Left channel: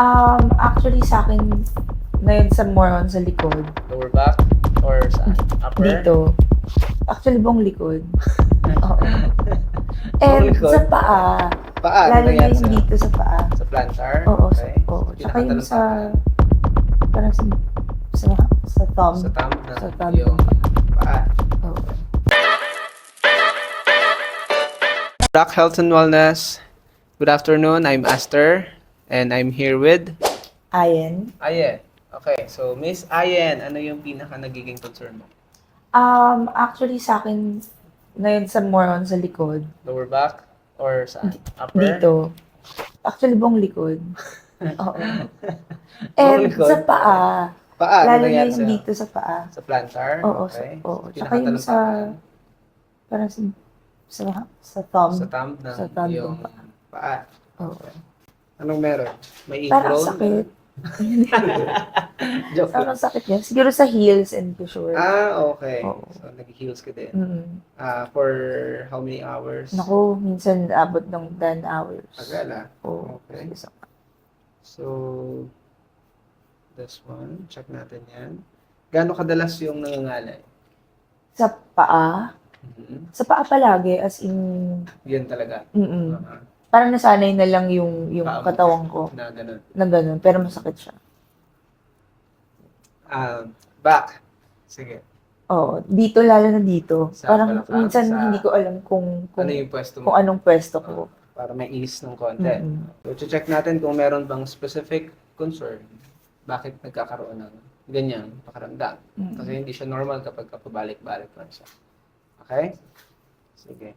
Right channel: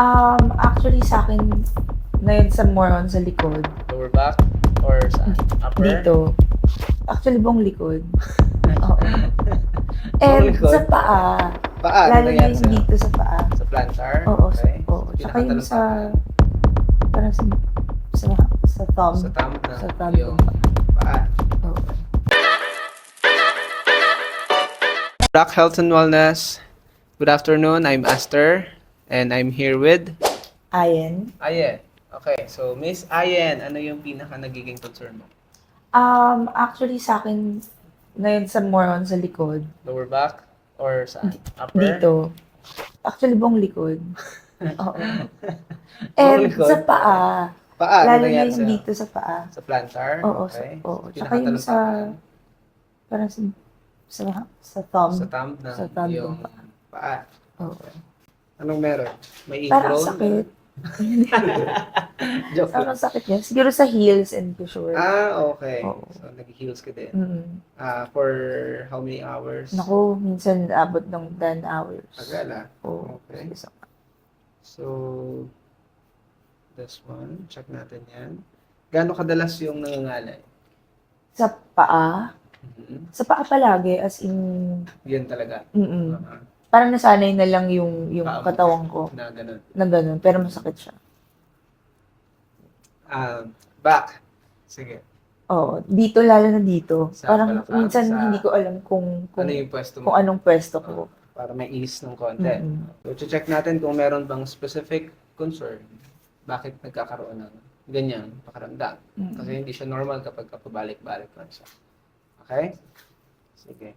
Actually sa'kin ngayon more on sa likod. Lower back or saan? Upper? Dito. Actually buong likod. Oo. Buong And likod? sa paa. Paa, ano Lalo na yan? yung dito sa paa. Sa plantar? Oo, Okay. oo. Tsaka yung sa, Pinakatalumpakan. parang sa thumb. Sa thumb na Sa thumb yung ng paa. paa. Oo. Rock Health and Wellness. Good afternoon. I'm Esther. And I'm here with Ayan. Ayen. Okay, so Miss Ayen, ano yung pinaka nagiging concern mo? Actually sa'kin ngayon more on sa likod. Lower back or saan? Upper? Dito. Actually buong likod. Oo. Buong And likod? sa paa. Paa, Lalo ano na yan? yung dito sa paa. Sa plantar? Oo, Okay. oo. Tsaka yung sa, Pinakatalumpakan. parang sa thumb. Sa thumb na Sa thumb yung ng paa. paa. Oo. Anong meron? May Parang ingrown? sakit. Joke Parang lang. sakit yan. Siguro sa heels and sure. Okay. Oo. So, nag-heels ka din. For how many hours? Naku, minsan abot ng 10 hours. Agala. Oo. Okay. So, this one. Check natin yan. Gaano kadalas yung nangangalay? Sa paa. Mhm. Sa paa palagi, as in, Yun talaga. parang nasanay na lang yung Paa mo katawan ko na ganun. na ganun, pero masakit siya. Back. Sige. Oo, dito lalo na dito. Sa Parang balakang, minsan sa- hindi ko alam kung Ano yung pwesto mo? kung anong pwesto ko. Para may ease ng konti. Mm-mm. So, check natin kung meron bang specific concern. Bakit nagkakaroon ng ganyan pakaramdam. Mm. Kasi hindi siya normal kapag pabalik-balik lang siya. Okay? Sige.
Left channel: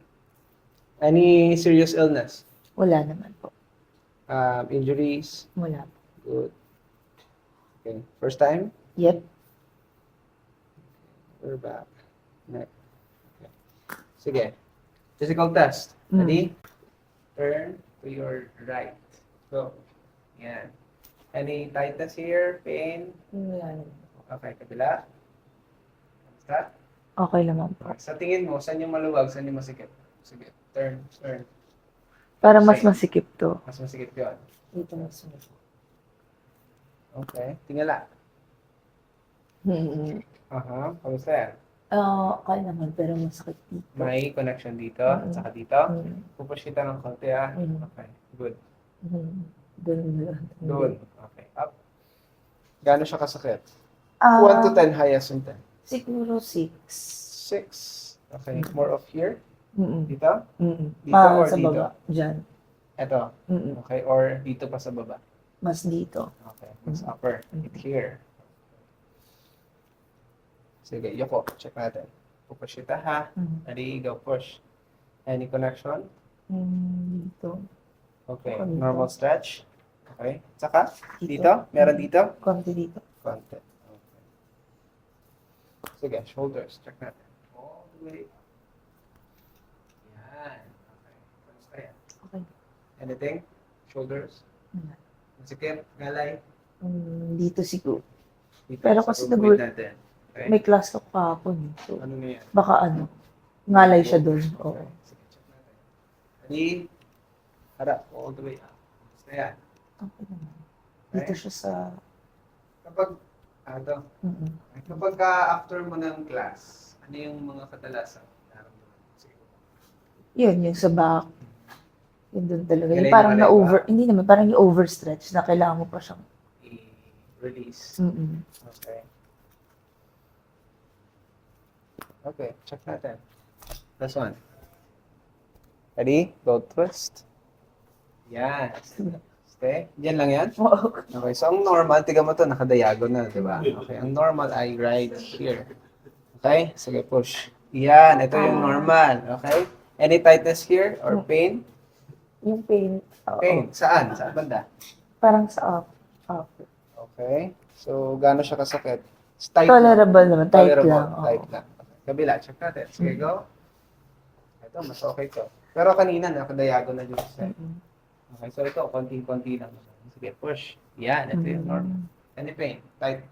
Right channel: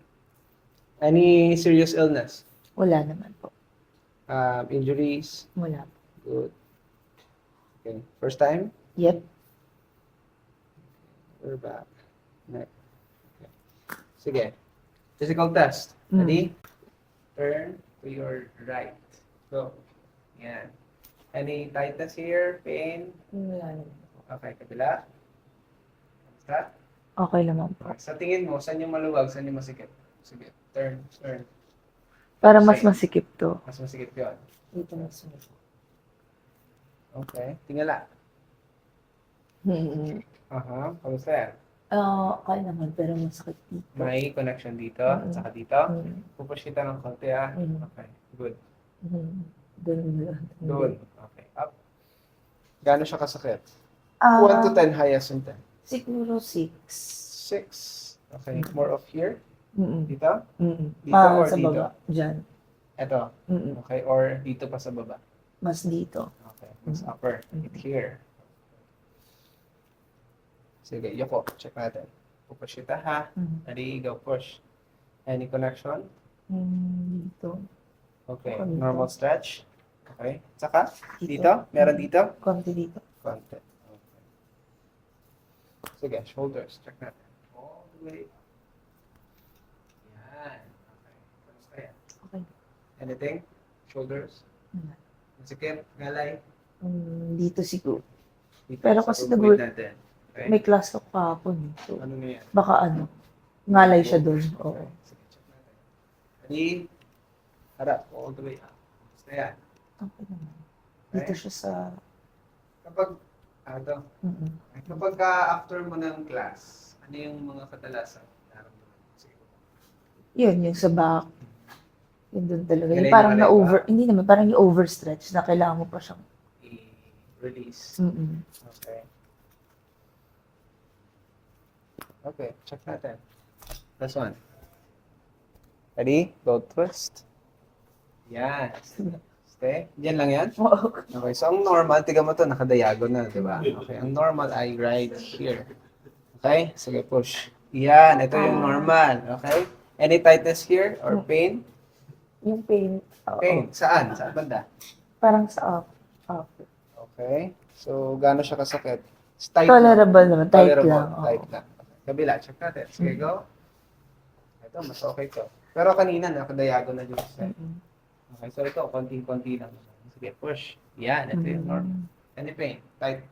Any serious illness? Wala naman po. Injuries? Wala. Good. Okay. First time? Yep. Or back? Neck. Okay. Sige. Physical test. Mm. Ready? Turn to your right. Go. Yan. Any tightness here? Pain? Wala naman. Okay, kabila. Basta. Okay naman po. Sa tingin mo, saan yung maluwag, saan yung masikip? Sige, turn. Para mas Same. masikip to. Mas masikip yun. Dito mas masikip. Okay, tingala. Mm-hmm. Kamusta yan? Okay naman, pero masakit dito. May connection dito, Mhm. at saka dito. Mm. Pupush kita ng konti Okay, good. Doon. Doon. Okay, up. Gaano siya kasakit? Ah, 1 to 10, highest yung 10. Siguro 6. 6. Okay, more of here? Mm-mm. Dito? Mm-mm. Dito or Sa dito? baba. Diyan. Ito. Mm-mm. Okay, or dito pa sa baba? Mas dito. Okay, mas upper. Hit here. Sige, yoko. Check natin. Pupush kita ha. Ready, go push. Any connection? Dito. Okay, Dito. normal stretch. Okay, saka? Dito? Meron dito? Konti dito. Konti. Okay. Sige, shoulders. Check natin. All the way. Yan. Okay. Kamusta yan? Okay. Anything? Shoulders? Wala. Masikip? Galay? Dito siguro. Dito. Pero Sa kasi movement natin. Okay. may class talk pa ako. So, Ano na yan? baka ngalay siya doon. Oo. Okay. Sige, check natin. Ready? Harap. All the way up. Kamusta yan? Okay naman. Dito siya sa... Kapag, ito. Mm-mm. Kapag after mo ng class, ano yung mga kadalasan? Sige. Yun, yung sa back. Yun doon talaga. Yung Galing parang mo rin na-over, ba? hindi naman, parang yung overstretch na kailangan mo pa siyang... I-release. Mm-mm. Okay. Okay, check natin. Last one. Ready? Go twist. Yan. Stay. Yan lang yan? Oo. Okay, so ang normal, tiga mo to, naka-diagonal, di ba? Okay, ang normal ay right here. Okay, sige, push. Yan, ito yung normal. Okay? Any tightness here or pain? Yung pain. Oo. Pain. Saan? Saan banda? Parang sa up. Up. Okay. So, gaano siya kasakit? It's tight Tolerable naman. Tight Tolerable. lang. Oo. Tight lang. Okay. Kabila, check natin. Sige, go. Ito, mas okay to. Pero kanina, naka-diagonal yung side. Mm-mm. Okay, so ito, konting-konti lang. Sige, push. Yan, ito yung normal. Any pain? Tight.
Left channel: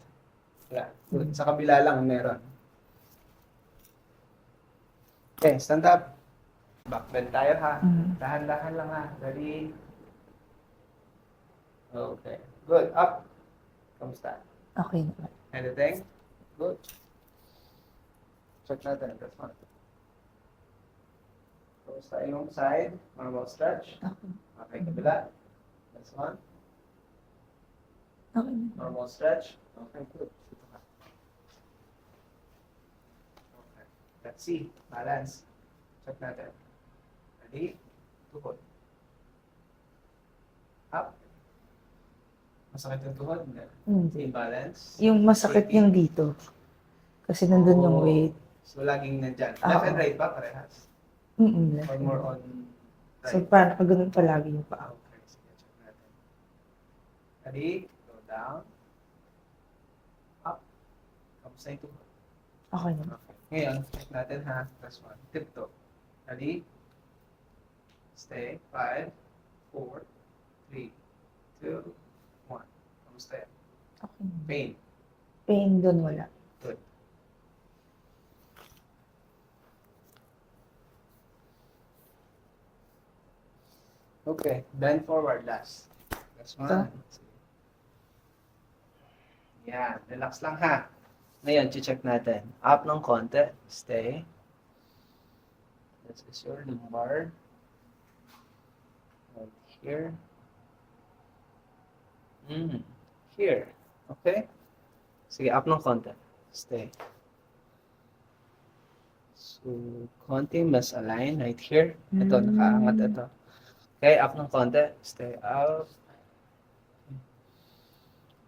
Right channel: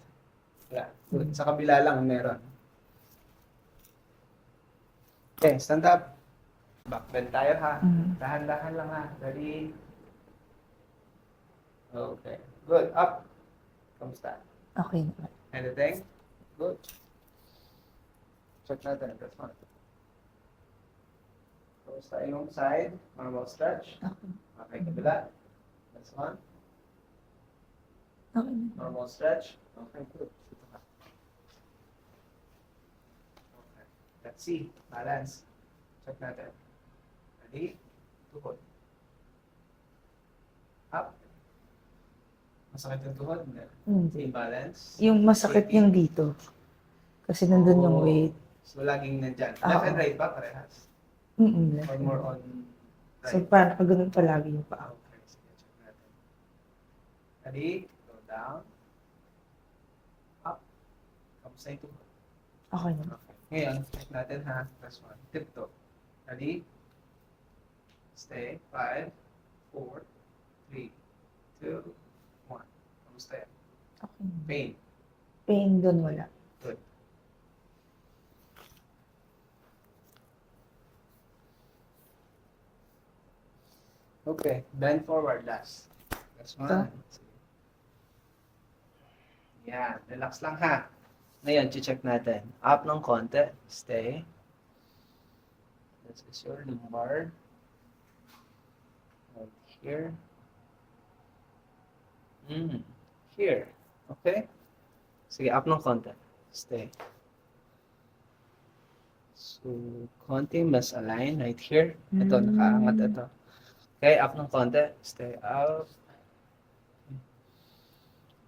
Wala. Good. Sa kabila lang meron. Okay, stand up. Back bend tayo ha. Dahan-dahan lang ha. Ready? Okay. Good. Up. Kamusta? Okay naman. Anything? Good. Check natin. That's one. Kamusta yung side? Normal stretch. Okay. Okay, kabila. That's one. Okay naman. Normal stretch. Okay, good. Okay. Let's see. Balance. Check natin. Ready? Tuhod. Up. Masakit yung tuhod? Hindi. Imbalance. Yung masakit yung dito. Kasi nandun yung Oh. weight. So, laging nandyan. Ah, Left and oo. right ba? Parehas? Mm-mm. Or more on So, right? parang ganun palagi yung paa. Okay, sige, check natin. Ready? Go down. Up. Kamusta yung tuhod? Okay naman. Okay. Ngayon, check natin ha. Last one. Tiptoe. Ready? Stay. 5, 4, 3, 2, 1. Kamusta yan? Okay naman. Pain. Pain dun wala. Good. Okay. Bend forward last. That's one. Yan. Relax lang ha. Ngayon, check natin. Up ng konti. Stay. This is your lumbar. Right here. Here. Okay? Sige, up ng konti. Stay. So, konti mas align right here. Ito, nakaangat ito. Okay, up ng konti. Stay up.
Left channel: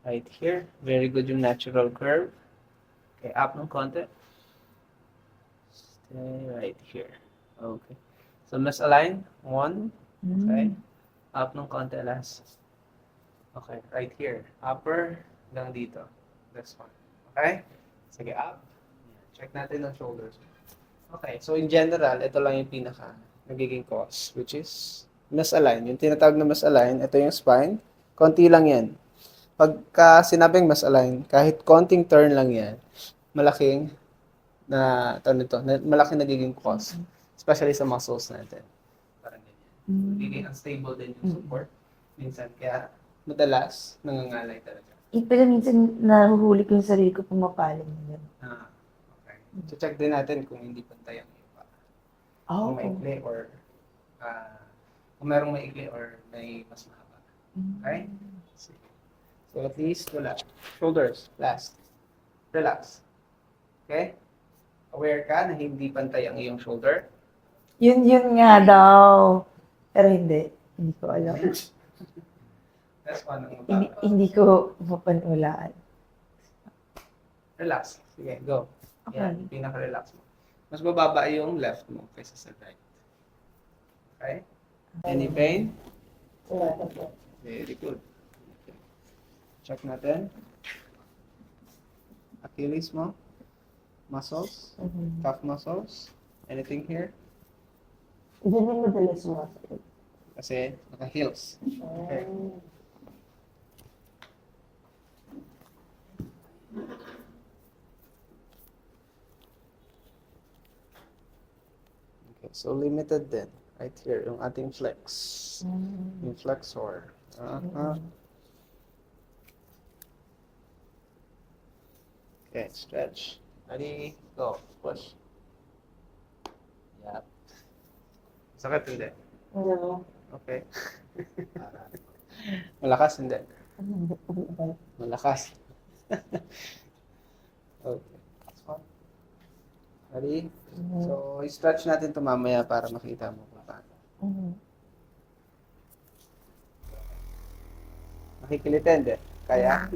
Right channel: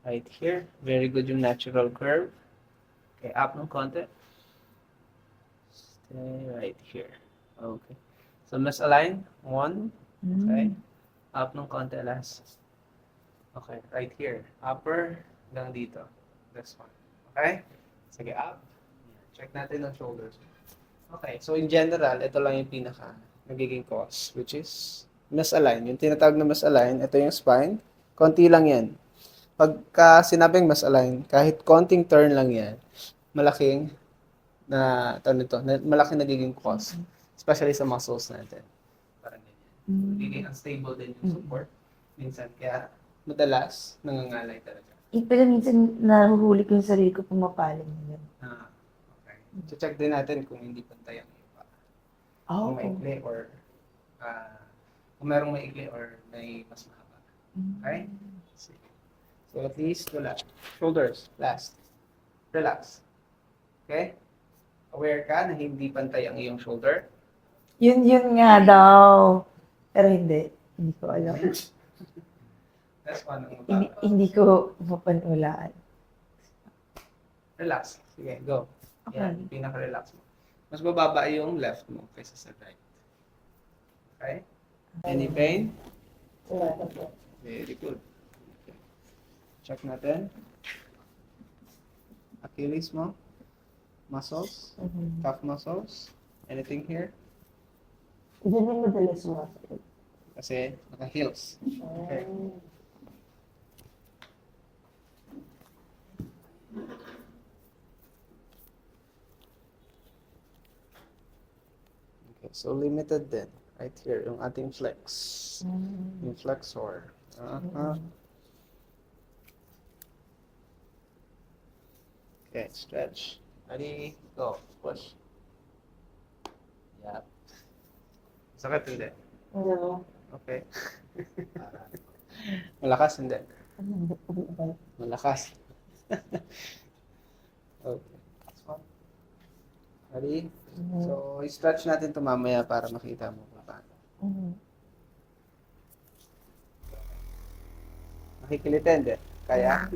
Right here. Very good yung natural curve. Okay, up ng konti. Stay right here. Okay. So, mas align. 1. Okay. Up ng konti last. Okay, right here. Upper hanggang dito. That's one. Okay? Sige, up. Check natin ang shoulders. Okay, so in general, ito lang yung pinaka nagiging cause, which is misalign. Yung tinatawag na misalign, ito yung spine. Konti lang yan. Pagka sinabing misalign, kahit konting turn lang yan, malaking malaking nagiging cause. Especially sa muscles natin. Parang ganyan. Nagiging unstable din yung support. Minsan, kaya madalas, nangangalay talaga. Pero minsan nahuhuli ko yung sarili ko pumapaling. Okay. So, check din natin kung hindi pantay ang iba. Oh, Kung maikli or kung merong maikli or may mas mahaba. Okay? Sige. So, at least, wala. Shoulders, last. Relax. Okay? Aware ka na hindi pantay ang iyong shoulder? Yun nga daw. Pero hindi. Hindi ko alam. That's one ang Hindi, mababa. hindi ko mapaniwalaan. Relax. Sige, go. Okay. Yan, pinaka-relax mo. Mas mababa yung left mo kaysa sa right. Okay? Any pain? Very good. Okay. Check natin. Achilles mo. Muscles. Calf muscles. Anything here? Hindi din madalas sumasakit. Kasi naka-heels. Okay. Okay, so limited din. Right here, yung ating flex. Yung flexor. Okay, stretch. Ready, go. Push. Yeah. Sakit hindi? Ano? Okay. Malakas hindi? Malakas. Okay. So, ready? So, i-stretch natin ito mamaya para makita mo kung paano. Makikilitin, hindi? Kaya?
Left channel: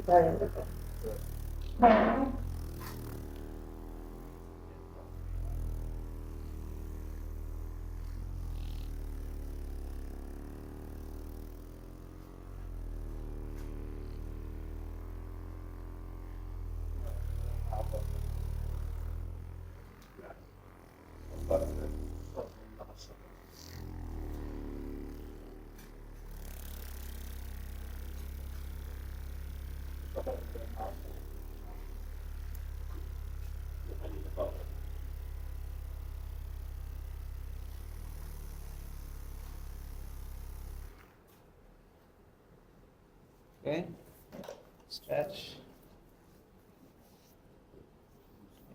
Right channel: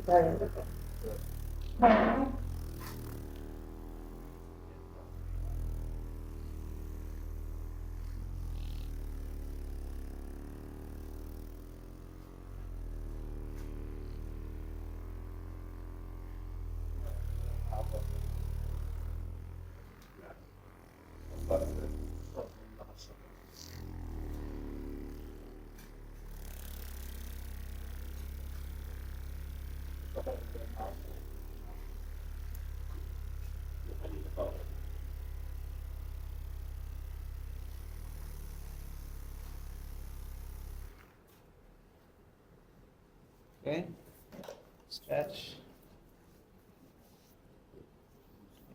Stretch.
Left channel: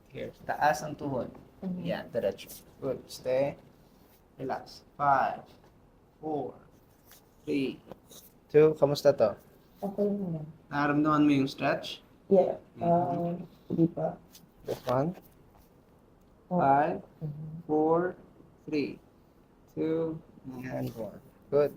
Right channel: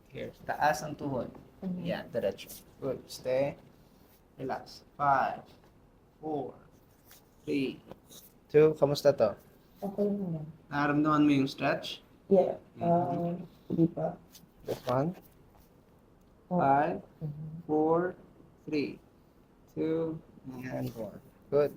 Here. Taas ang tuhod. Yan, diretso. Good. Stay. Relax. 5, 4, 3, 2. Kamusta to? Okay naman. Nararamdaman mo yung stretch? Yeah. Hindi pa. 1, 5, 4, 3, 2, and 1. Good.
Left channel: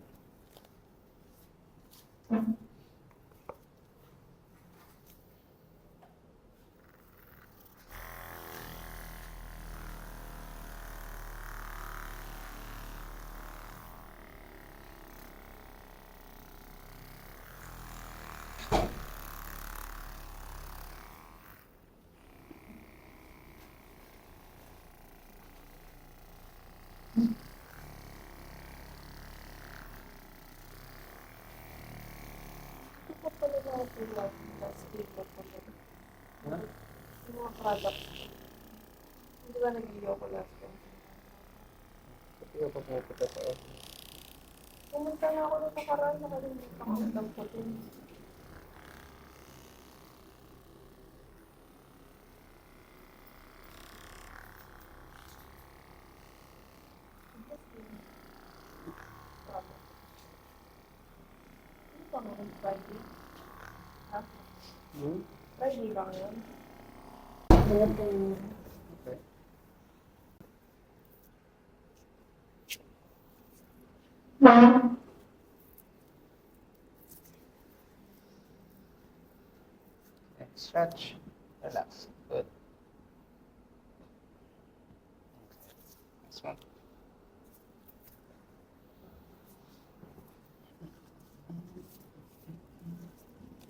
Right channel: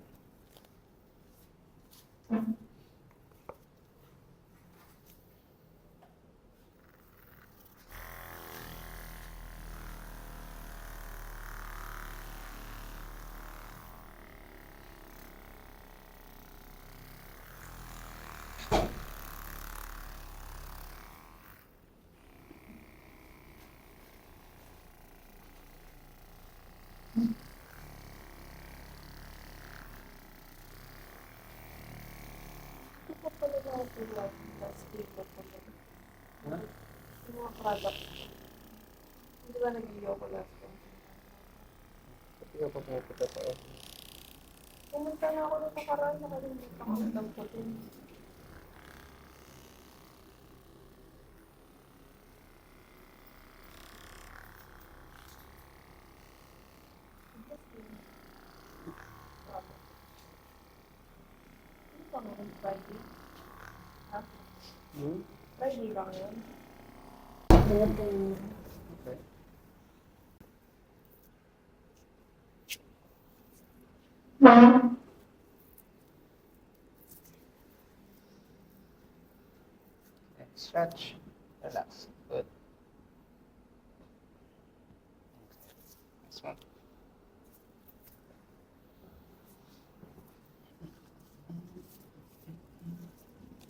Mga product. Hindi ba nag-yoga last time? Pumunta na ako na sa karaan, nakalimutan ako ng photo. Ano ba ngayon? Friday? Ha? Friday ba ngayon? Stretch. Relax. Good. Next one.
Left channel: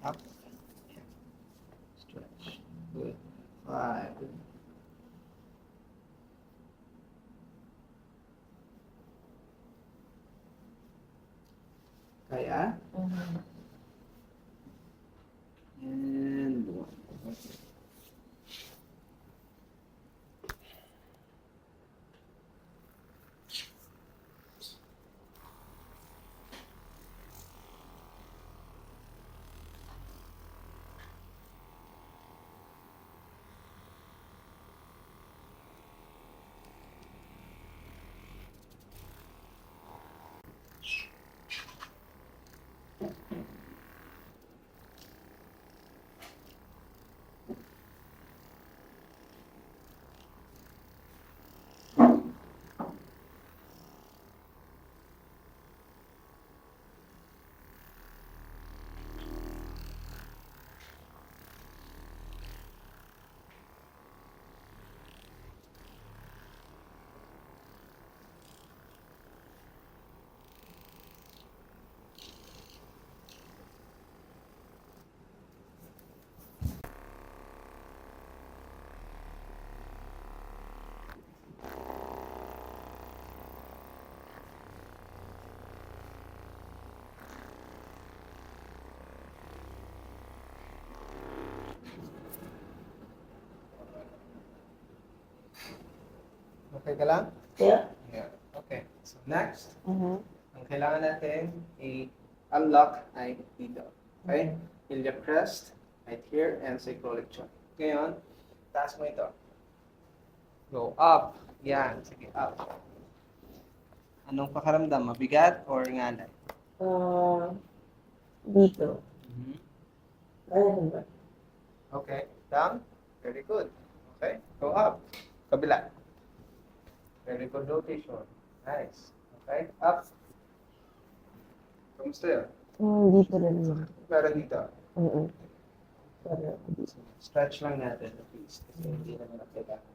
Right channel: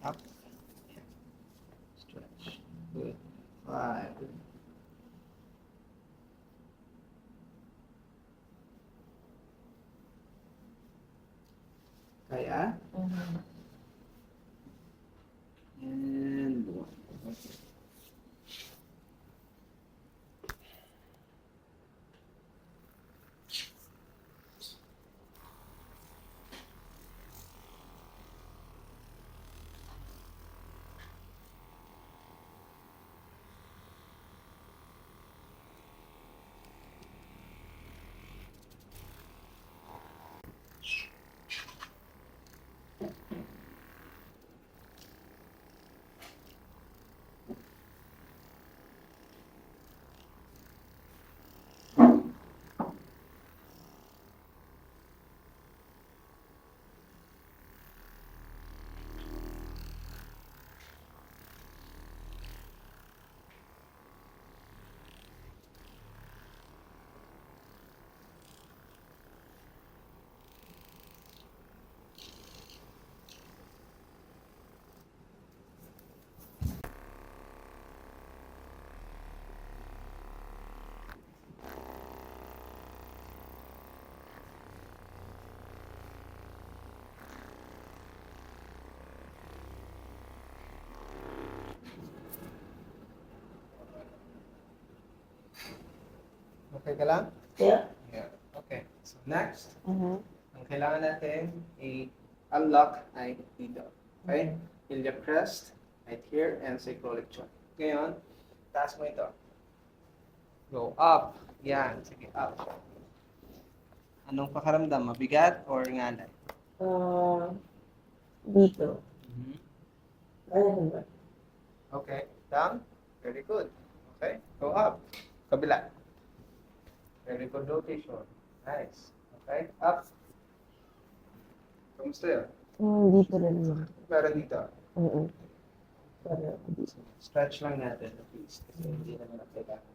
Up. Stretch. Good. 5. Kaya? And 1. Okay ka lang? Yeah. Yeah. Okay. So next, Mm-hmm. ang kailangan natin i-unlock ay dito. Okay? Iliac crest, right here, and cyclic joint. Ngayon, taas mo ito. Go up. Yan. Sige, up. Anong pakaramdam? Mabigat or ngalan? Dito. Mhm. Ayun ba? Okay. Down. Very good. Okay. Go up. Kabila. Very good rotation. Nice. Okay. Up. Kamusta yun? Dito na naman. Meron dito. Stretch lang natin at least. Kasi hindi naman ang kailangan.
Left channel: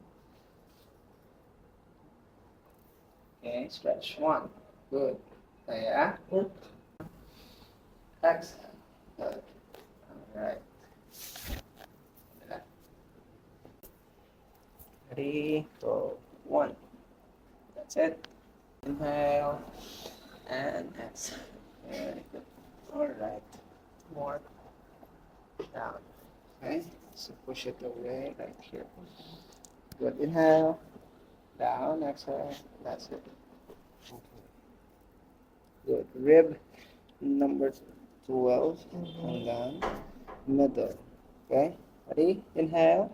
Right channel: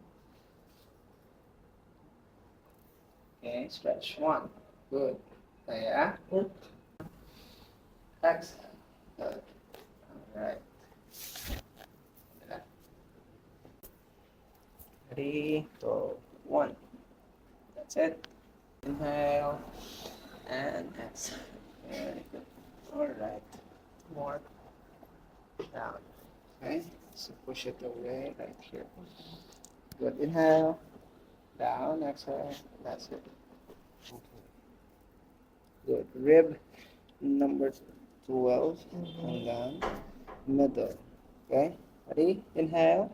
Okay. Stretch. 1. Good. Kaya. Exhale. Good. Alright. 3, 2, 1. That's it. Inhale and exhale. Very good. Alright. More. Down. Okay. So push it away right here. Good. Inhale. Down. Exhale. That's it. Okay. Good. Rib number 12. And down. middle. Okay, ready? Inhale,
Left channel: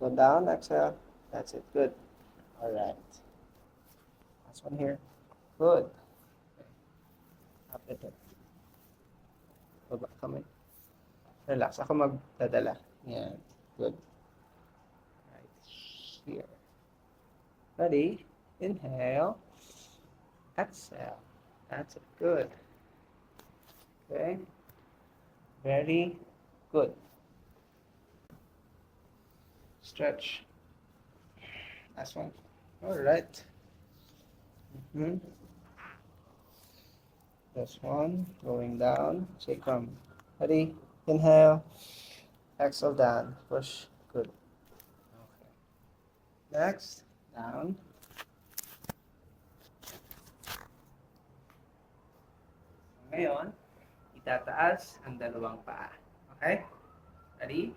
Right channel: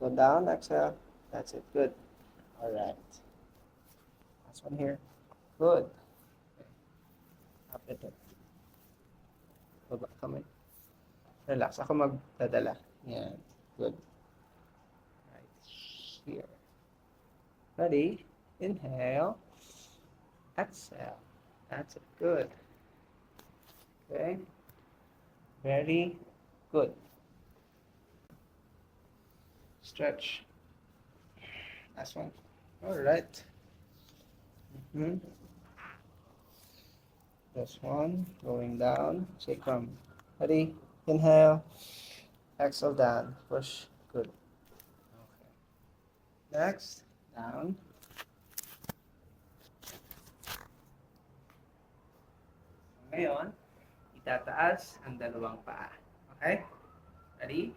go down, exhale. That's it. Good. All right. Last one here. Good. Up it. Baba kamay. Relax. Ako magdadala. Yan. Good. Right here. Ready? Inhale. Exhale. That's it. Good. Okay. Very good. Stretch. Last one. All right. This one. Going down. Say come. Ready? Inhale. Exhale down. Push. Good. Okay. Next. Down. Ngayon, itataas ang dalawang paa. Okay? Ready?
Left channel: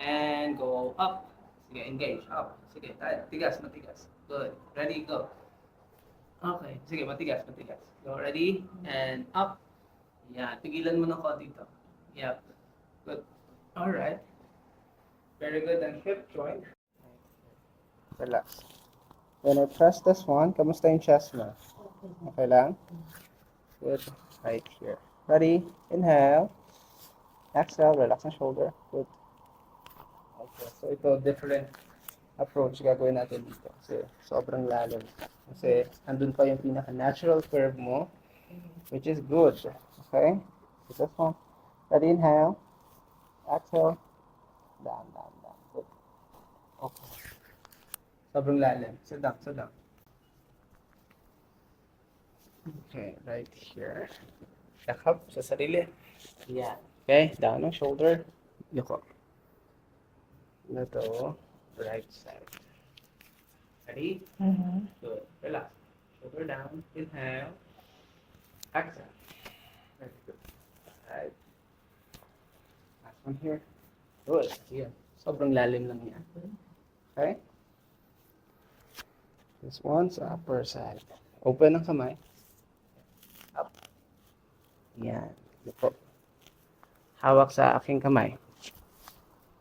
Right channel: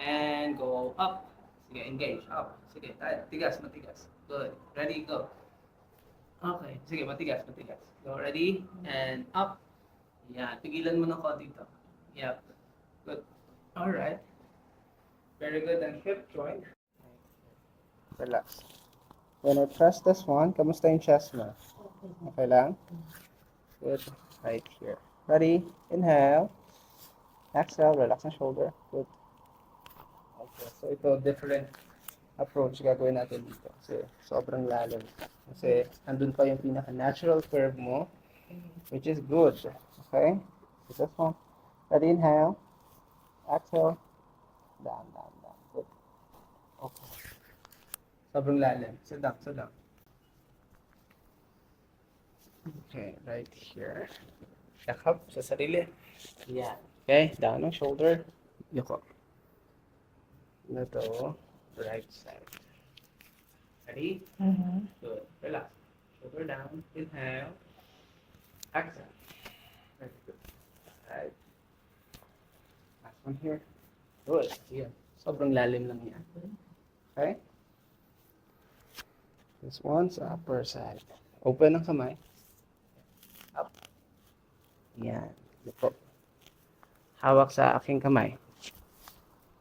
And go up. Sige, engage. Up. Sige, tayo. Tigas, matigas. Good. Ready, go. Okay. Sige, matigas, matigas. Go, ready? And up. Yan. Pigilan mo ng konti ito. Yep. Good. Alright. Very good. And hip joint. Relax. When I press this one, kamusta yung chest mo? Okay lang? Good. Right here. Ready? Inhale. Exhale. Relax ang shoulder. Good. Okay. So ito, different approach gagawin natin dito. Kasi sobrang lalim. Kasi andun pa yung pinaka-natural curve mo, which is good. Okay? So this one. Ready? Inhale. Exhale. Down, down, down. Good. Okay. Sobrang lalim. Sit down, sit down. Okay, right here. Yakap sa sarili. Yeah. Okay, down ang shoulder. Yuko. Na to, right side. Ready? Good. Relax. Shoulder down. Inhale. Exhale. That's good. Right. Last one here. Good. Yeah. Sobrang lalim lang yan. Okay? This one's upper side. Open ang kamay. Up. Yan. Ito. Hawak sa aking kamay.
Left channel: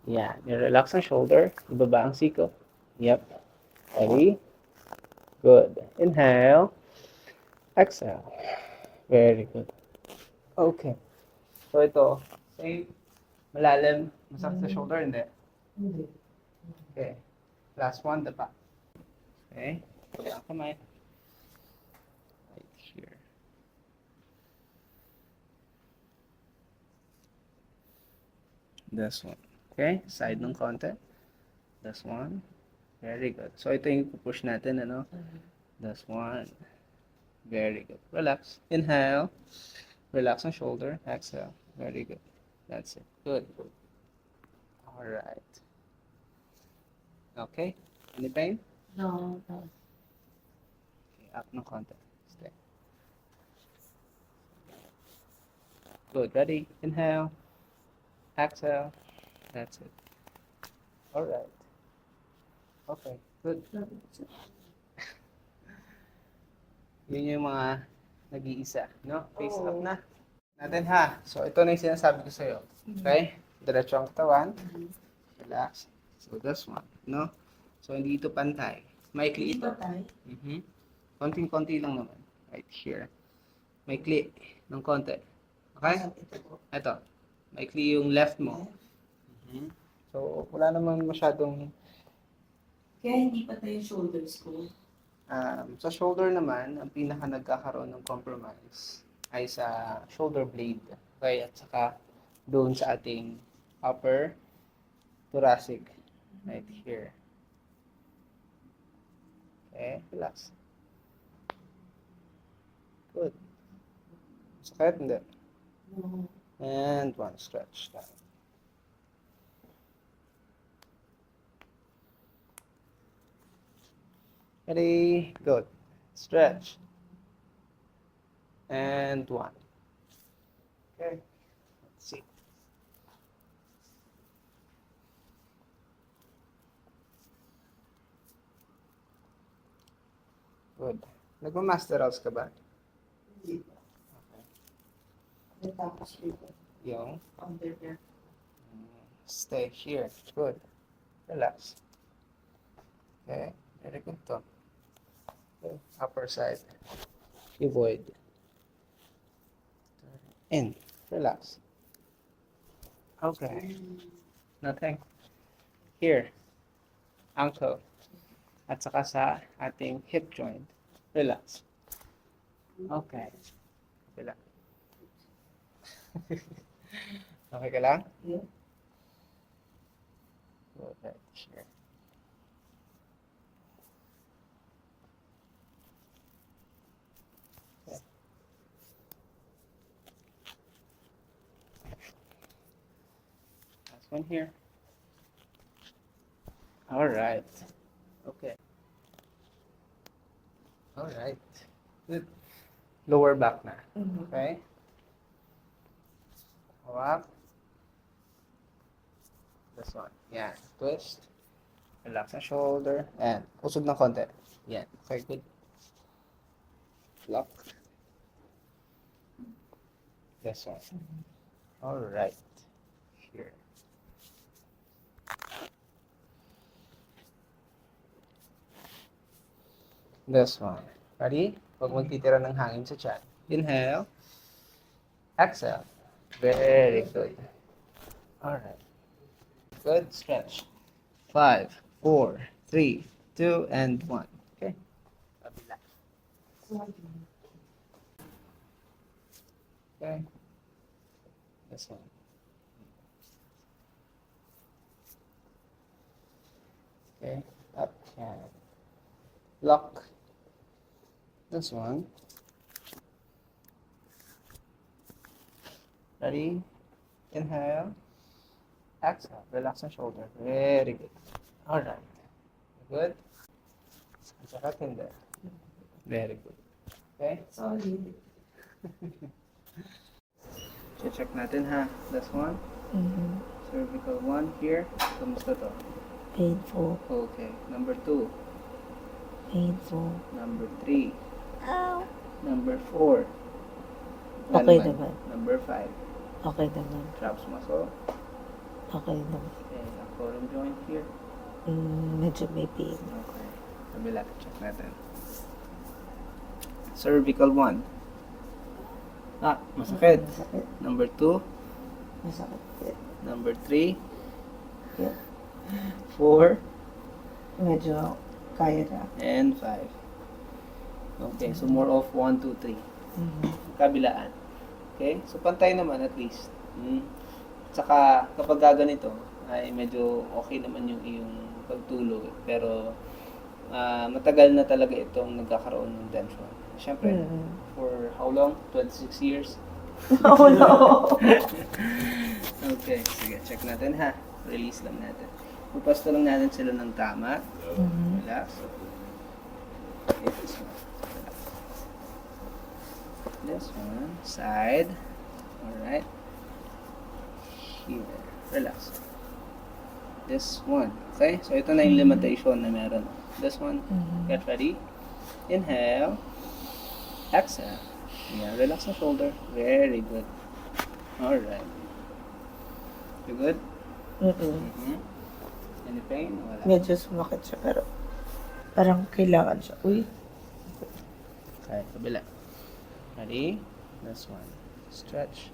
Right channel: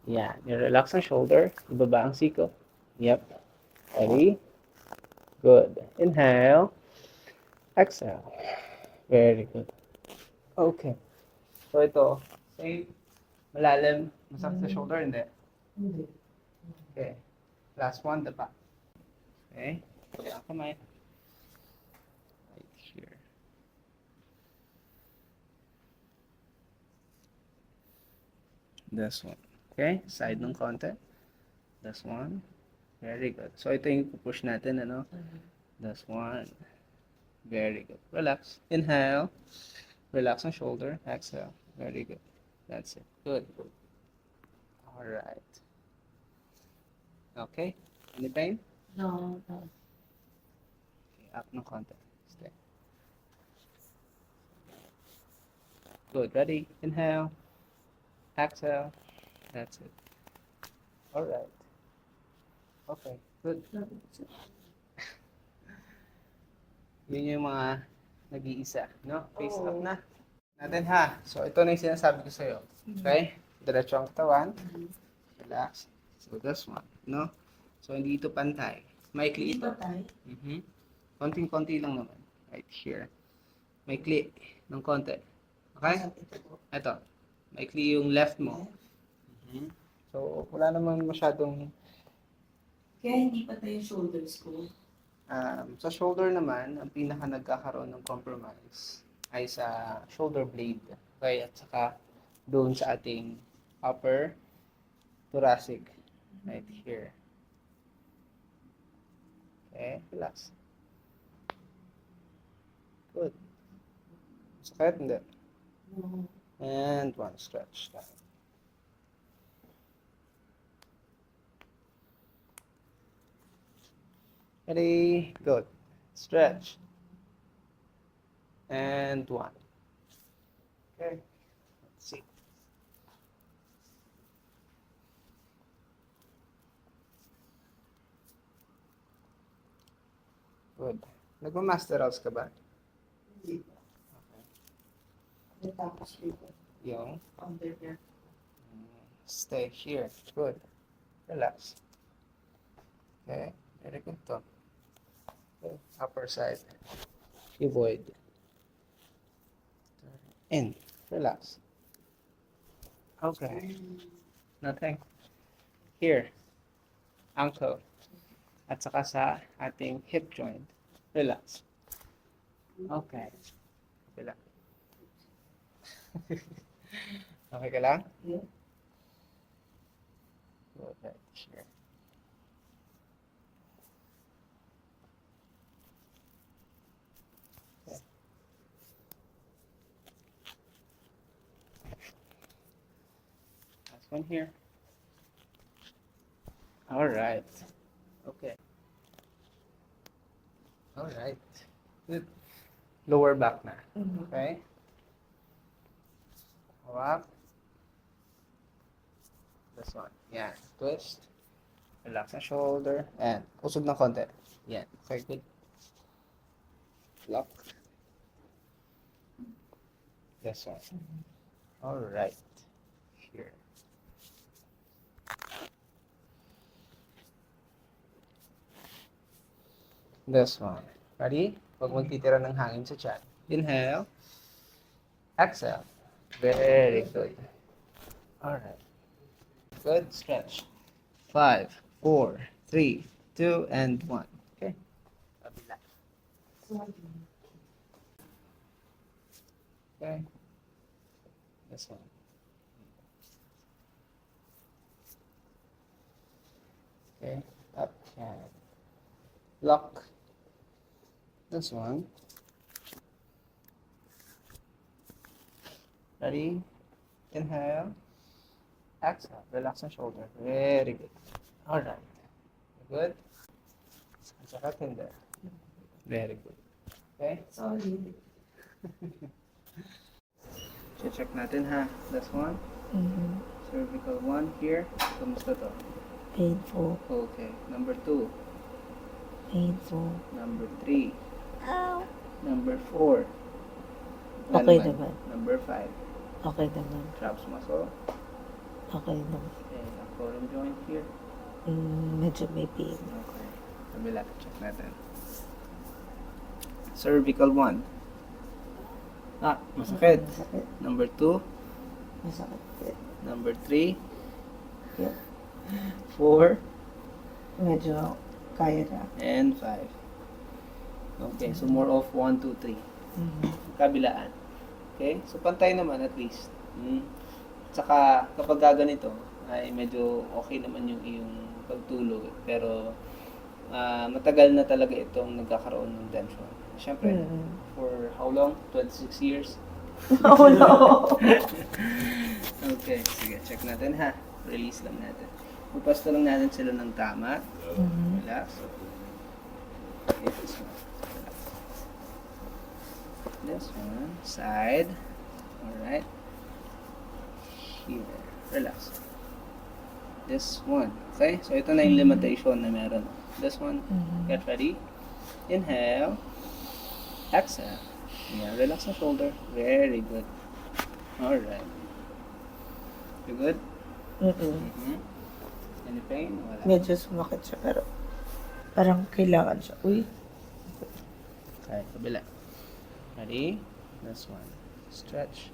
Yan. I-relax ang shoulder. Ibaba ang siko. Yep. Ready? Good. Inhale. Exhale. Very good. Okay. So ito. Say, malalim. Masakit sa shoulder. Hindi. Okay. Last one, the back. Okay. Kaya ang kamay. Right here. This one. Okay. Side ng konti. This one. Very good. So ito yung push natin, ano? This one. Very good. Relax. Inhale. Relax ang shoulder. Exhale. Very good. That's it. Good. Alright. Okay. Any pain? No. Okay, up ng konti. Stay. Good. Ready? Inhale. Exhale. That's it. Alright. Okay. Good. Yun yung mga nag-iisa. No? Face up na. Natin ha. So, ito na yung sinasabi ko sa'yo. Okay? Diretso ang katawan. Relax. So, this one. No? So, hindi ito pantay. Maikli ito. Konting-konti lang naman. Right here. Maikli ng konti. Okay? Ito. Maikli yung left mo. So, wala naman masyadong... Kaya hindi pa tayo shoulders ko. Sa shoulder naman, ang pinaka nagkakaroon ng compromise ay sa shoulder blade. Okay? At saka doon sa ating upper thoracic. Right here. Okay? Relax. Good. Sakit? Hindi. And one stretch down. Ready? Good. Stretch. And one. Okay. Let's see. Good. Nagma-master house ka ba? Natapos ko. yung Under there. stay here. Good. Relax. Okay. Very good to. Okay. Upper side. Cuboid. In. Relax. Okay. Nothing. Here. Ankle. At saka sa ating hip joint. Relax. Okay. Relax. Okay ka lang? Yeah. Okay. Here. Last one here. All right. Okay. All right. Good. Lower back na. Okay. Hawak. This one. Yan. Twist. Relax ang shoulder. And usog ng konti. Yan. Okay, good. Lock. This one. All right. Here. This one. Ready? Huwag magtitira ng hangin sa tiyan. Inhale. Exhale. Very good. Alright. Good. Stretch. 5, 4, 3, 2, and 1. Okay. Kabila. Okay. This one. Okay. Up. And lock. This one. Ready? Inhale. Exhale. Relax the shoulder. Very good. Alright. Good. Saka hindi. Very good. Okay? Solid. Check natin ha. This one. Cervical 1 here. Kamusta to? Painful. Okay. Number 2. Painful. Number 3. Ow. Number 4. Okay naman. Number 5. Okay naman. Traps muscle. Okay naman. Okay. Column joint here. Medyo may pain. Okay. Kabila. Check natin. Cervical 1. Masakit. Masakit. Number 2. Masakit. Number 3. Yeah. 4. Medyo kaya na. And 5. Okay. So more of 1, 2, 3. Kabilaan. Okay? So pantay naman at least. Tsaka kapag gaganito ay medyo okay naman yung iyong pagtulog. Pero matagal na talaga itong nagkakaroon ng tension. Siyempre, for how long? 26 years? Oh no! Okay, sige, check natin ha. Release lang natin. Pupasto lang natin sila ng tama. Relax. Okay, this one. This one, side. Alright. Here. Relax. This one. Okay, so ito na yung limitation na meron. This one. Get ready. Inhale. Exhale. Yeah, relax the shoulder. Very good. Alright. You good? Any pain? Wala. Medyo sumakit siya pero parang kailangan siya. Uy. Okay, kabila. Ready? This one. Stretch.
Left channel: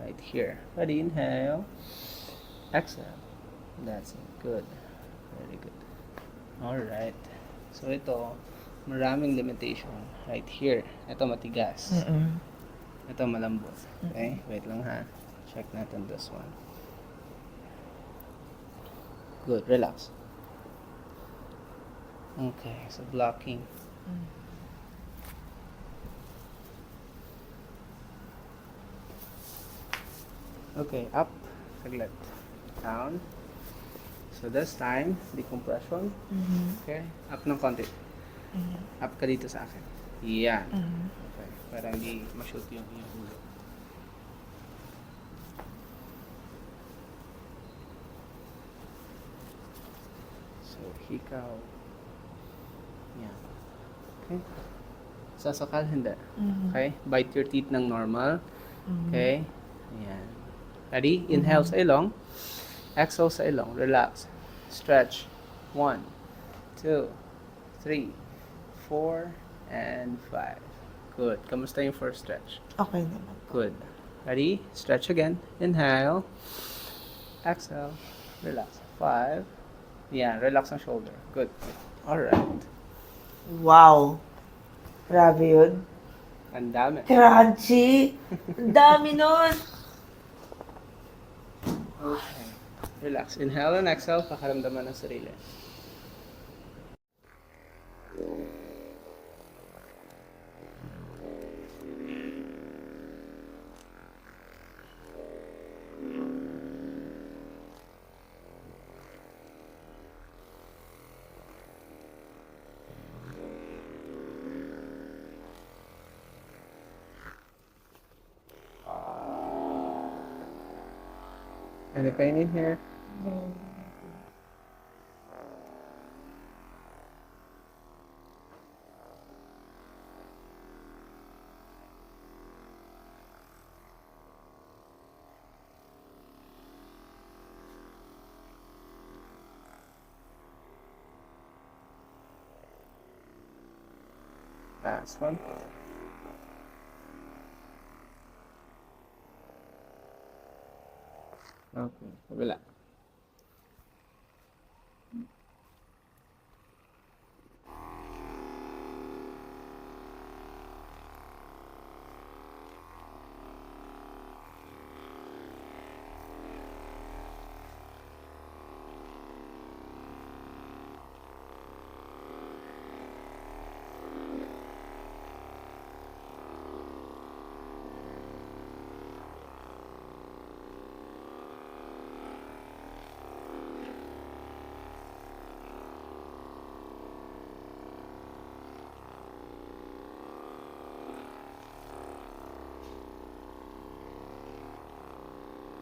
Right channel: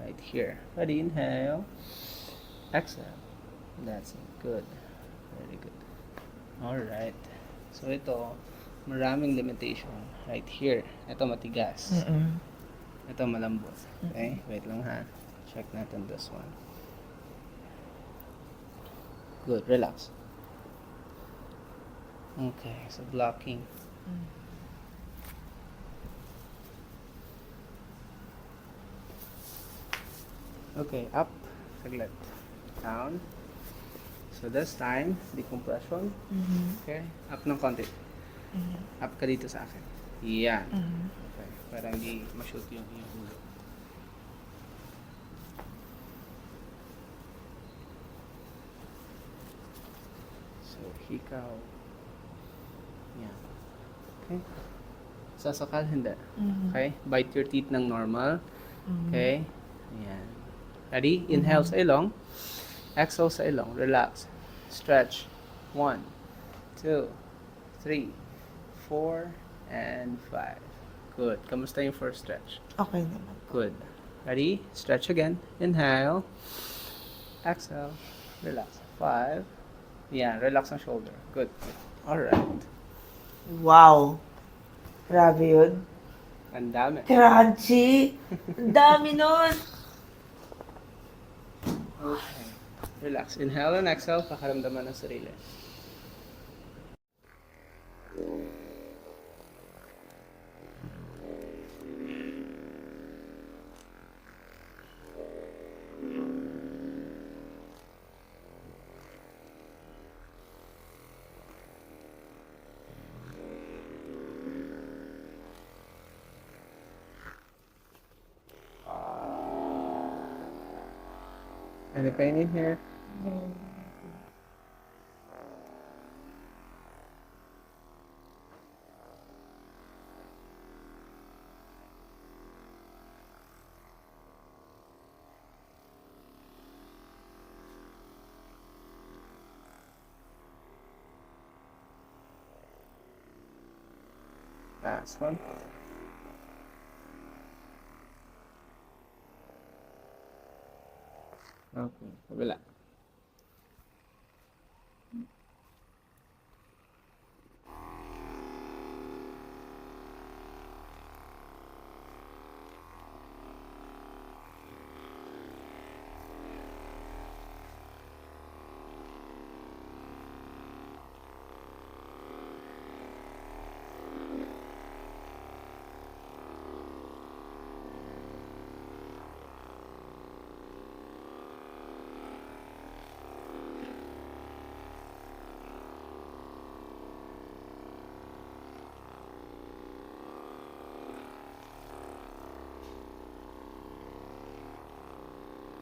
Right here. Ready? Inhale. Exhale. That's it. Good. Very good. Alright. So ito, maraming limitation. Right here. Ito matigas. Ito malambot. Okay? Wait lang ha. Check natin this one. Good. Relax. Okay. So blocking. Okay. Up. Saglit. Down. So this time, decompression. Okay. Up ng konti. Up ka dito sa akin. Yan. Okay. Para hindi ma-shoot yung ulo. So, hikaw. Yan. Okay. Sasakal, hindi. Okay? Bite your teeth ng normal. Okay? Ayan. Ready? Inhale sa ilong. Exhale sa ilong. Relax. Stretch. 1, 2, 3, 4, and 5. Good. Kamusta yung first stretch? Okay naman. Good. Ready? Stretch again. Inhale. Exhale. Relax. 5. Yeah, relax ang shoulder. Good. Alright. Wow. Grabe yun. Ang dami. Crunchy. Ang dami nun. Okay. Relax. Inhale and exhale. Pakaramdaman ng sarili. Any pain in here? Last one. Okay, relax.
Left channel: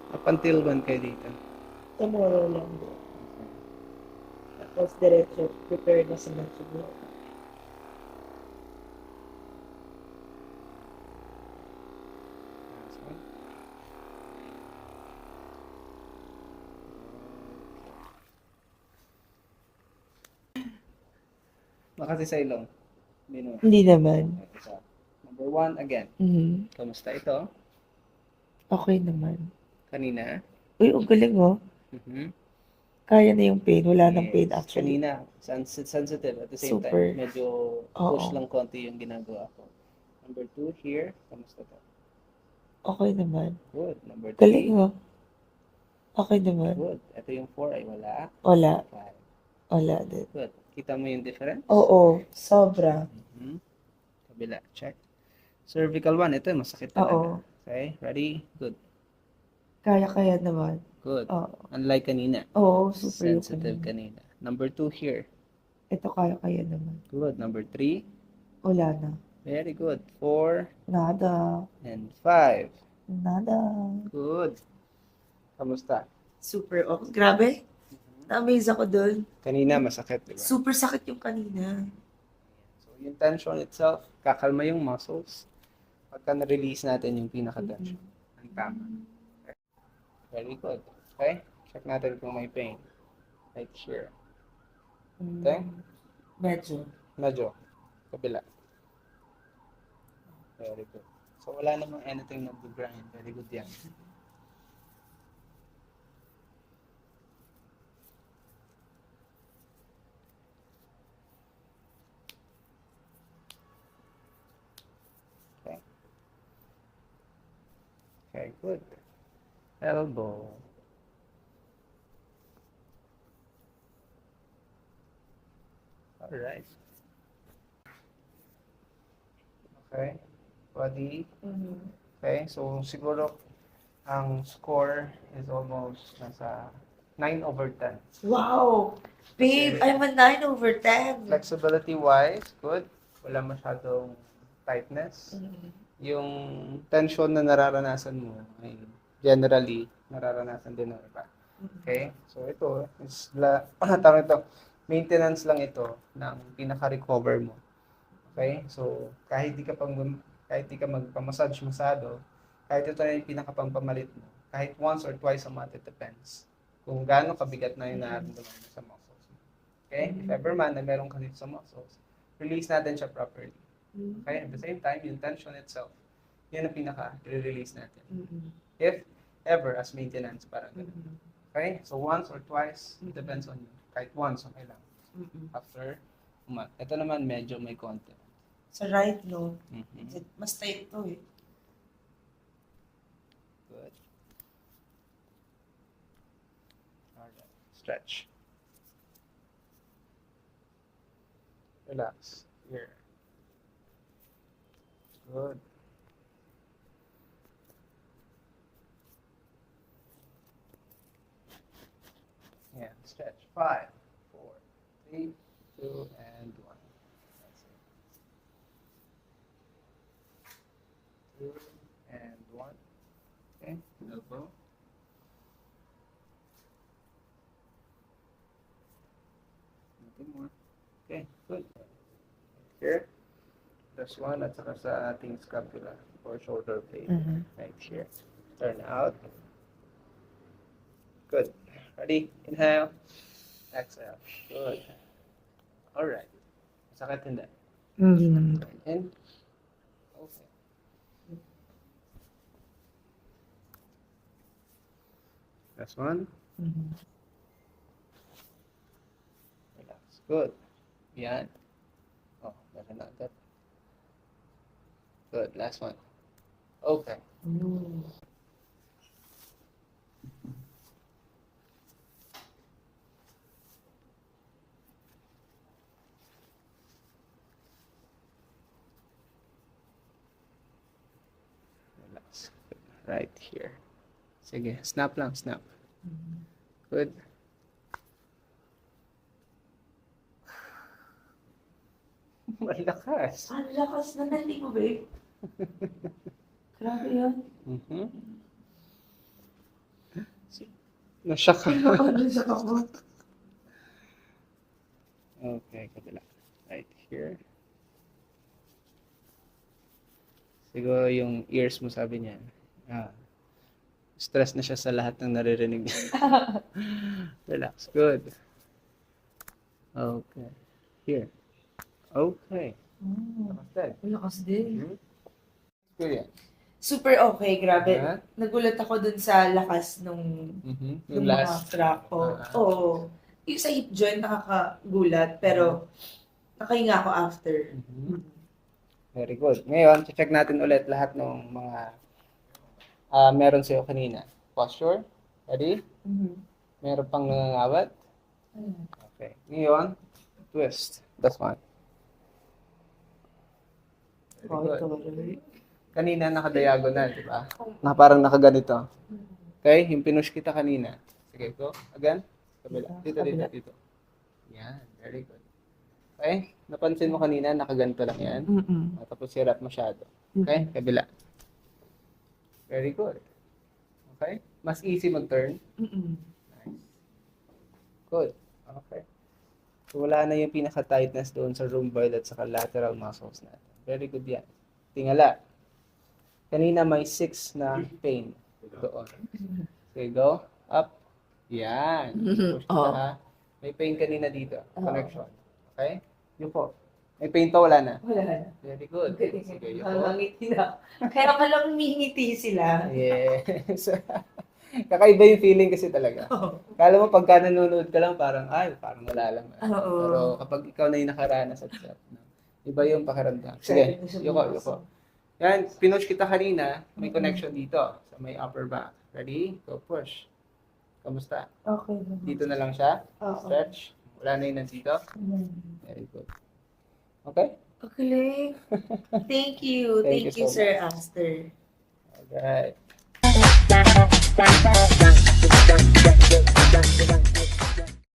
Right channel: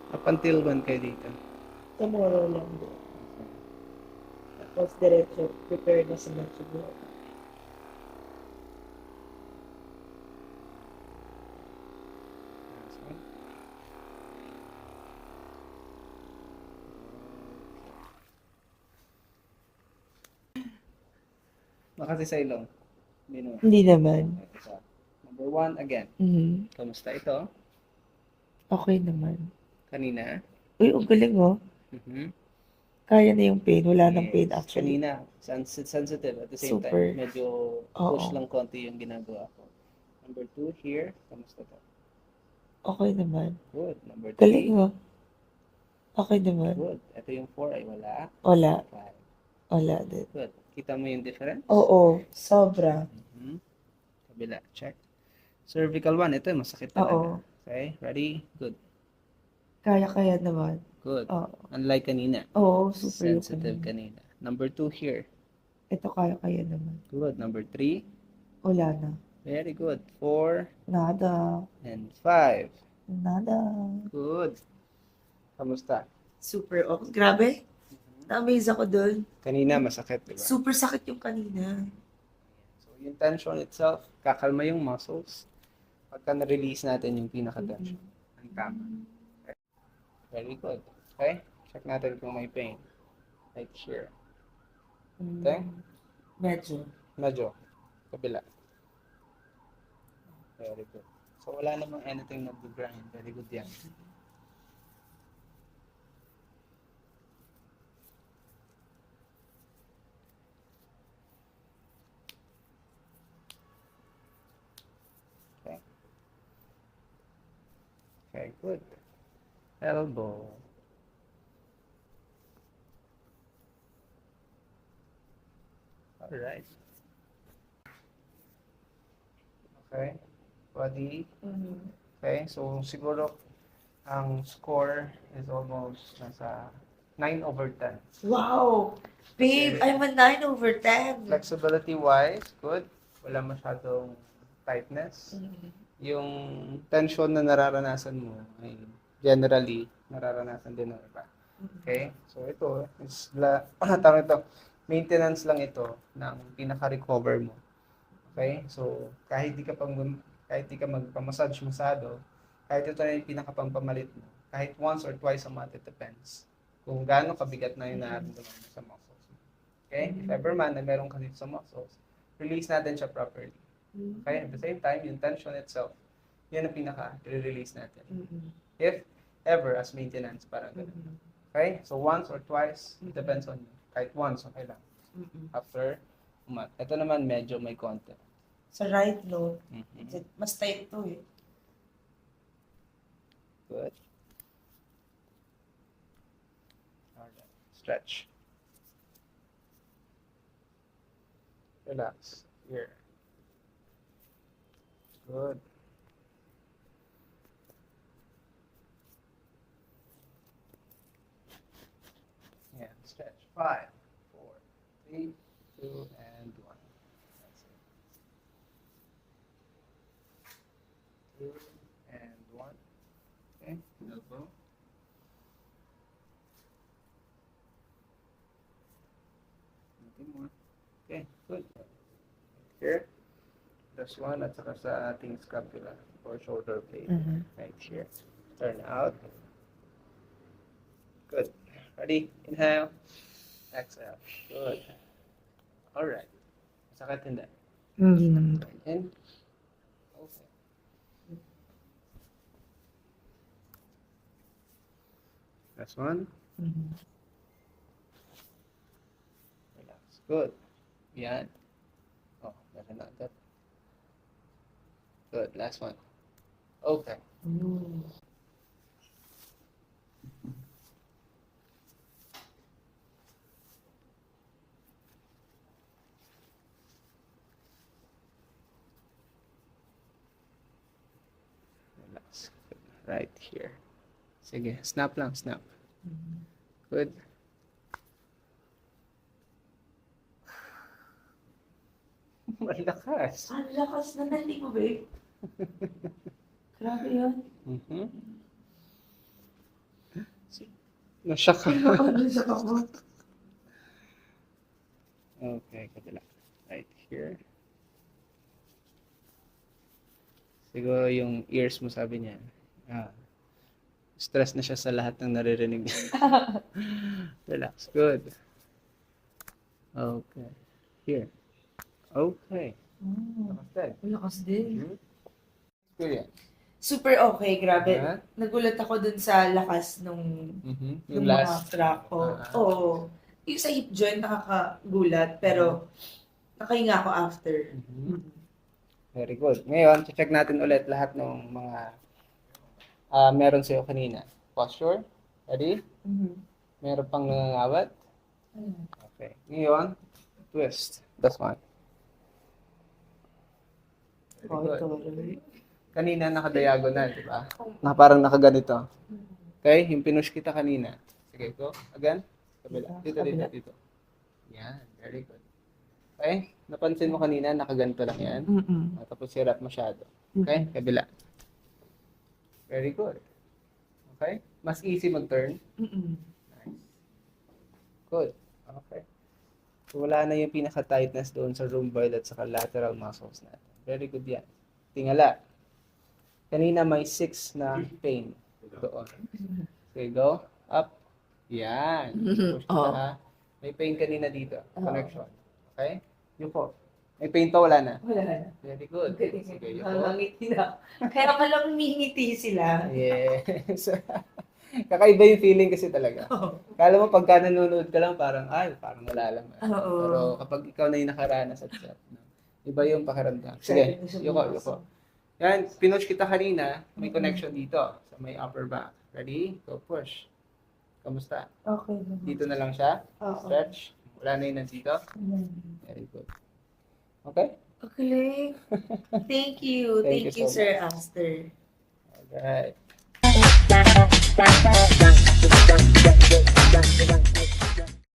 Up until when kayo dito? Tomorrow lang. Tapos diretso, prepare na sa mga siguro. Last one. Makasi sa ilong. Hindi naman. Hindi naman. Isa. Number 1 again. Mhm. Kamusta ito? Okay naman. Kanina? Uy, ang galing oh. Mhm. Kaya na yung pain. Wala nang Yes. pain actually. Kanina, sensitive at the same Super. time. Medyo push Oo. lang konti yung ginagawa ko. Number 2 here. Kamusta to? Okay naman. Good. Number 3. Galing oh. Okay naman. Good. Ito yung 4 ay wala. Wala. 5. Wala din. Good. Kita mo yung difference? Oo. Sobra. Mhm. Kabila. Check. Cervical 1. Ito yung masakit talaga. Oo. Okay. Ready? Good. Kaya naman. Good. Oo. Unlike kanina. Oo, super yung Sensitive kanina. kanina. Number 2 here. Ito kaya naman. Good. Number 3. Wala na. Very good. 4 Nada. and 5. Nada. Good. Kamusta? Super oh. Grabe. Na-amaze ako dun. Kanina masakit, di ba? Super sakit yung kanina. So, yung tension itself, kakalma yung muscles. Pagka na-release natin yung pinaka-tension. Ang tama. Very good. Okay? Check natin kung may pain. Right here. Okay? Medyo. Medyo. Kabila. Very good. So, wala namang anything nag-grind. Very good yan. Okay. Okay, good. Elbow. Alright. Okay. Body. Okay, so siguro ang score is almost nasa 9/10. Wow! Babe, I'm a 9/10. Flexibility wise, good. Wala masyadong tightness. Yung tension na nararanasan mo ay generally nararanasan din ng iba. Okay? So ito is tawag ito, maintenance lang ito ng pinaka-recover mo. Okay? So kahit di ka magpa-massage masyado, kahit ito na yung pinakapampamalit mo, kahit once or twice a month, it depends kung gaano kabigat na yung nararamdaman mo sa muscles mo. Okay? If ever man na meron ka dito sa muscles, release natin siya properly. Okay? At the same time, yung tension itself, yan ang pinaka-release natin. If ever, as maintenance, para ganun. Okay? So, once or twice, it depends on you. Kahit once, okay lang. After a month. Ito naman, medyo may konti. Sa right lobe, Mhm. mas tight to eh. Good. Alright. Stretch. Relax. Here. Good. Yeah. Stretch. 5, 4, 3, 2, and 1. That's it. 2 and 1. Okay. Elbow. Nothing more. Okay. Good. Here. This one at saka sa ating scapula or shoulder blade. Right here. Turn out. Good. Ready? Inhale. Exhale. Good. Alright. Sakit hindi. Hindi naman. In. Okay. This one. Relax. Good. Yan. Oh, better not that. Good. Last one. Okay. Relax. Good. Right here. Sige. Snap lang. Snap. Good. Malakas. Ang lakas na nalingo eh. Grabe yun. Nashock ka. Nakalisak ako. Okay, kabila. Right here. Siguro yung ears mo sabi niya. Stress na siya sa lahat ng naririnig. Relax. Good. Okay. Here. Okay. Good. Lakas din. Experience. Super okay, grabe. Nagulat ako dun sa lakas nung Yung mga last. crack ko. Oo. Yung sa hip joint nakakagulat, pero nakahinga ako after. Very good. Ngayon, check natin ulit lahat ng mga meron sa'yo kanina. Posture. Ready? Meron pang nangangawat. Okay. Ngayon, twist. That's one. Very good. Kanina naka-diagonal, di ba? Na parang nakaganito. Okay? Yung pinush kita kanina. Sige, go. Again. Kabila. Dito. Yan. Very good. Okay? Napansin mo kanina, nakaganito lang yan. Tapos hirap masyado. Okay? Kabila. Very good. Okay? Mas easy mag-turn. Nice. Good. Okay. So, wala na yung pinaka-tightness doon sa rhomboid at saka lateral muscles natin. Very good yan. Tingala. Kanina may 6 na pain doon. Okay, go. Up. Yan. Push ka, ha? May pain kanina dito. Connection. Okay? Yuko. May pain pa, wala na. Wala na. Very good. Sige, yuko. Hangangiti na. Kaya ka lang umingiti sila. Yes. Kakaiba yung feeling kasi talaga. Kala mo pagka nanonood ka lang parang, parang wala lang. Pero kapag ikaw na yung nakaranas at iba yung pakiramdam. Sige, yuko. Yan, pinush kita kanina, may connection dito sa may upper back. Ready? Go push. Kamusta? Okay. Dito na lang siya. Oo. Stretch. Wala na yung nandito. Very good. Okay? Okay. Thank you. Thank you Thank you, so Sir Aster. Alright.